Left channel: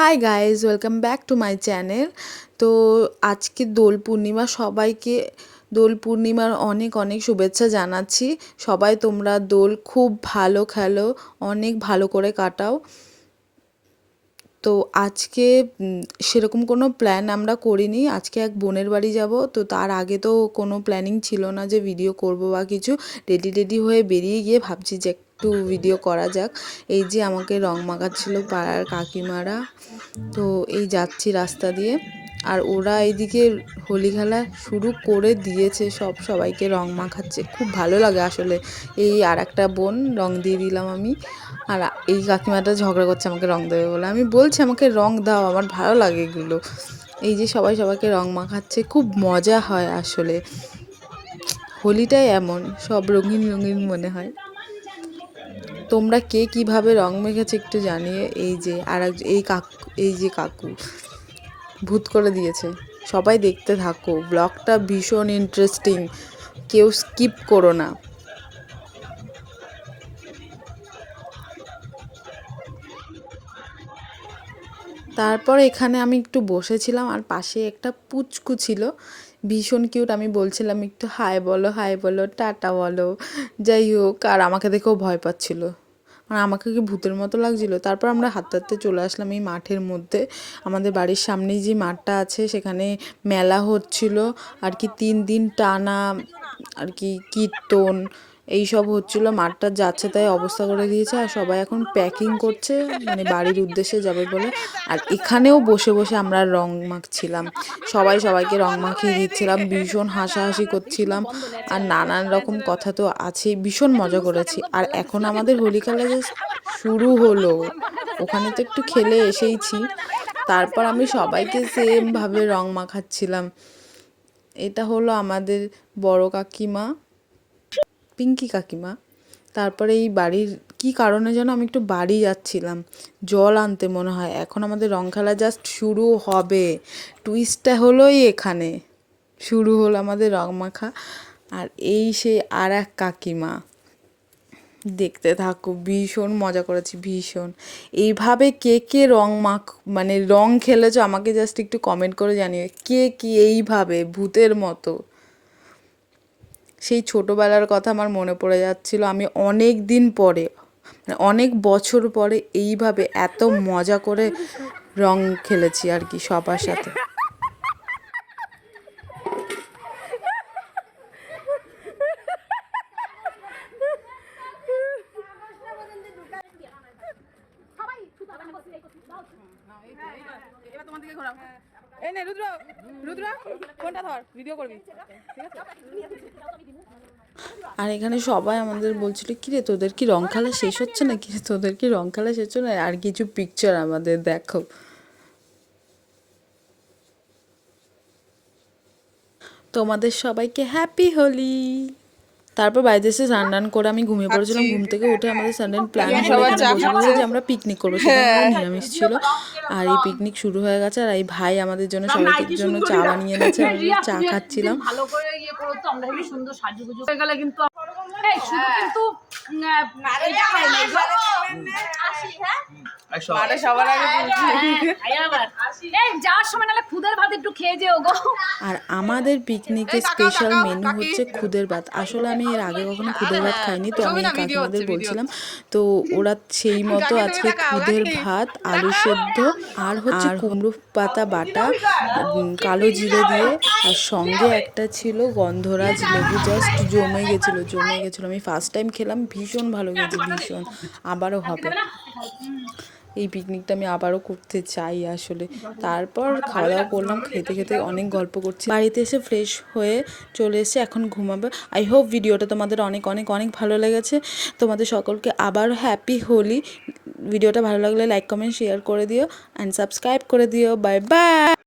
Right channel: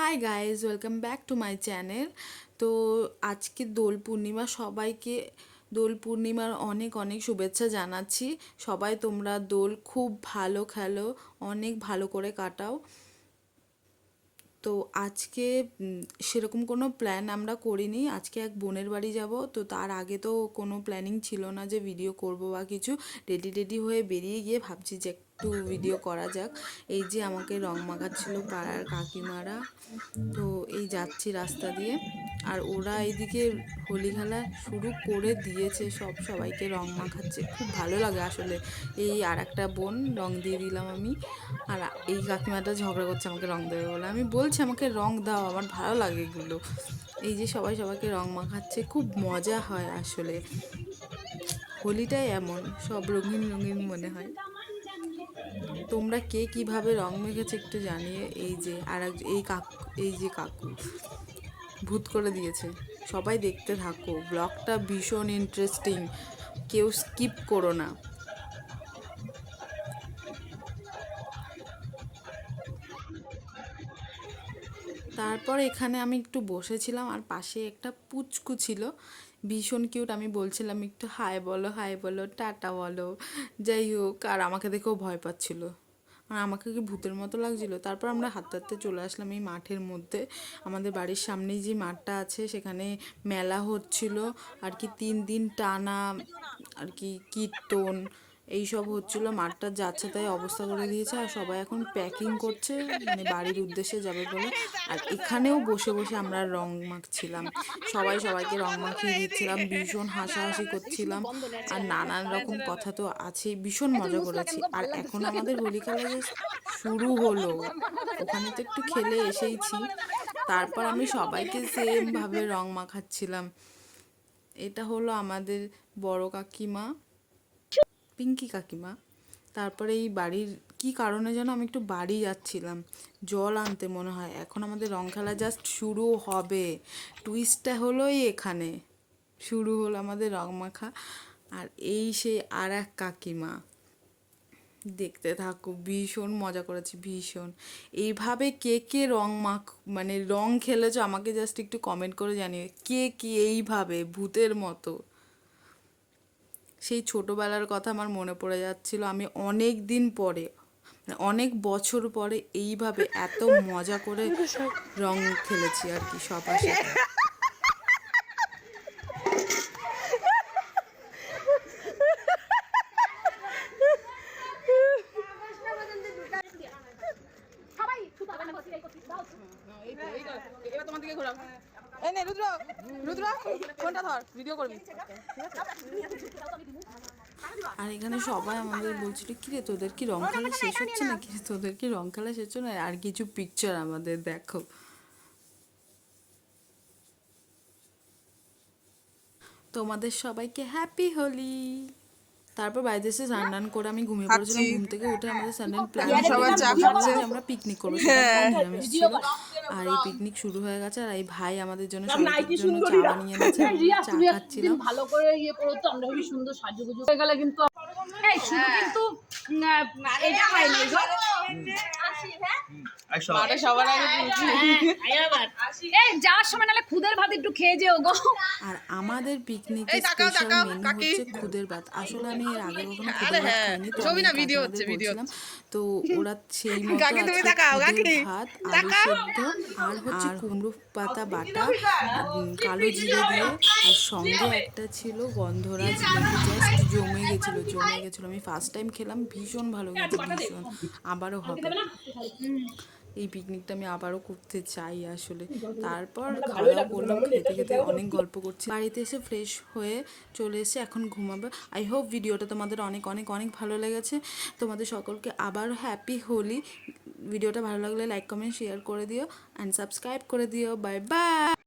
Hi guys, welcome back to my channel. তো আজকে দোল পূর্ণিমা, সবাইকে দোল পূর্ণিমার অনেক অনেক শুভেচ্ছা জানাচ্ছি। সবাই তোমরা দোল খুব ভালো খেলো, অনেক ভালো করে কাটাও। তো আজকে সেরকম কোনো প্ল্যান আমরা করিনি। আজকে এক বোনের বাড়ি যাব, তো তার আগে তো কোনো প্ল্যানিং ছিল না যে ভিডিও করব বা কিছু। রেডি হয়ে বেরিয়ে গিয়ে ভাবছি যে একটু ভিডিও করা যাক। এই যে আমাকে রং মাখাচ্ছিল পাড়ার কাকিমারা, তো এই যাচ্ছি রাস্তা দিয়ে। আর ওরা এইদিকে হোলি খেলা শুরু করে দিয়েছে, সবাইকে রং মাখাচ্ছে, খুব ভালো লাগে আসলে। এই আর একটা বোন রং দিয়ে দিলাম আমি, আর এই কাকিমাটা ঝগড়া করছে আমাকে রং দেবে বলে। আমি বলছি আমাকে রং দাও, আমার ভালো লাগে এগুলো। এই যে সবাইকে রং মাখাচ্ছে, খুব মজা হয় আসলে। হোলিটাই এমন, সব রঙিন রঙিন মনে হয়। তোমরা কে কীভাবে রং মেখেছে একটু জানিয়ে। এই যে আর এই যে কাকু ভূত করে দিয়েছে। সবাই দেখতে থাকো, ব্লগটা ভীষণ ইন্টারেস্টিং, কেউ স্কিপ করো না। তারপর এখানে আমি একটু বসেছিলাম, আর পাশে একটা পুচকু ছিল, ভীষণ কিউট। আমি বলছিলাম একটু হাই বলো, টাটা বলো, যাই হোক। আর আমাকে দেখেও ভয় পাচ্ছিল, আর আমাকে কি ভূতের মতো লাগছিল। তারপর আমরা হাঁটতে হাঁটতে চলে আসলাম এই মাঠের মধ্যে। আমাদের বাড়ির সামনেই যে মাঠটা আছে, সেখানে মেলা হচ্ছিল আর কি, 3 দিন টানা আর কি কীর্তন এইসব হচ্ছিল। মাঠটা যাচ্ছে তাই অবস্থা করে দিয়েছে, আর সবাই এখন প্যাকিং করছে, মানে বাড়ির উদ্দেশ্যে যাবে বলে। আর এখানেও বসে বসে আমরা রং মাখছিলাম, সবাইকে রং মাখিয়ে দিচ্ছিলাম, ভীষণ হাসাহাসি করছিলাম। আর নানান রকম কথা তো আছেই, ভীষণ মজা করেছি। আর এখন আমাদের হোলি খেলা যে শুরু হলো, ওখানে তো একটু খেলে এসেইছি। তারপর আমি সবাইকে সেমভাবে রং মাখাচ্ছিলাম। এটা হলো আমাদের বড় কাকিমা, পিঙ্কি কাকিমা। তারপরে এই বাড়ির কি কারণে যেন আমি একটু বাড়ি যাচ্ছিলাম জল আনতে মনে হয়। এখন আমাদের রং খেলা জাস্ট শুরু হবে, টুইস্টটা হলোই এখানে। শুরু হলো আমাদের রং মাখা। আর এই সেই আর এক কাকিমা, দেখতে থাকো, ভীষণ মজা করেছি, ভীষণ। এইভাবে কে কে মানে রং খেলেছো আমাকে জাস্ট একটু কমেন্ট করে জানিও, কে কি এইভাবে ভূতের মতো। সেই ছোটোবেলার কথা আমার মনে পড়ে যাচ্ছিল। আমি অনেক দিন পরে, মানে অনেক বছর পরে এইভাবে এত মজা করে রং খেলেছি আর কি সবার সাথে। আর এখানে সবাই আমাদের বলছিল, কিরে তোদের কি রং খেলা শেষ হচ্ছে না, কিরে তোদের কি রং খেলা শেষ হচ্ছে না। আর কিছু পিকচার আমাদের দেখো। তোমাদের সবাইকে হ্যাপি হোলি। তারপর বাড়িতে এসে স্নান করে আমি ঘুমিয়ে পড়েছিলাম। ঘুম থেকে উঠে আমাদের সাডেন প্ল্যান হলো এখানে বসে বসে যে আমরা পিকনিক করবো। সেখানে আমাদের নিরামিষ ছিল, আর এই পিকনিক শুরু হয়ে গেছে। আর এই ভাই আমাদের জন্য সবাইকে জন্য চা বানিয়ে এনেছে, আমরা চা খাচ্ছিলাম। ভালো করে ইয়ে করো তো, আমরা খুবই সুন্দর সাজুগুজু হয়ে গেলে কিন্তু আর আমাদের পিকনিকে স্পেশাল মেনু হচ্ছে খুদের ভাত। আসলে আমি এর আগে কখনো খুদের ভাত খাইনি, তো আমি কাকিমাদের বলছিলাম, তো ওরা সেই মতো আজকে খুদের ভাত, আলু সেদ্ধ, আর হচ্ছে কুমড়ো পাতা বাটা, কালো জিরে দিয়ে, আর সঙ্গে একটা ছিল গন্ধরাজ লেবু। জাস্ট জমে গেছিলো। আমি ফার্স্ট টাইম খেলাম, ভীষণ ভালো গেছে, ভীষণ। আবারও হবে এই পিকনিকটা, আমি আবারও করতে চাই আসলে। তারপর খাওয়া দাওয়া করলাম, খেতে খেতে অনেক গল্প করছি। বাড়িতে এসে ফ্রেশ হয়ে চলে এসে এখন ঘুমাবে। আই হোপ ভিডিওটা তোমাদের অনেক অনেক অনেক ভালো লেগেছে। তোমাদের সকলকে আবার হ্যাপি হোলি। ভিডিওটা ভালো লাগলে লাইক কমেন্ট শেয়ার করে দিও, অ্যান্ড সাবস্ক্রাইব করে দিও। Bye bye.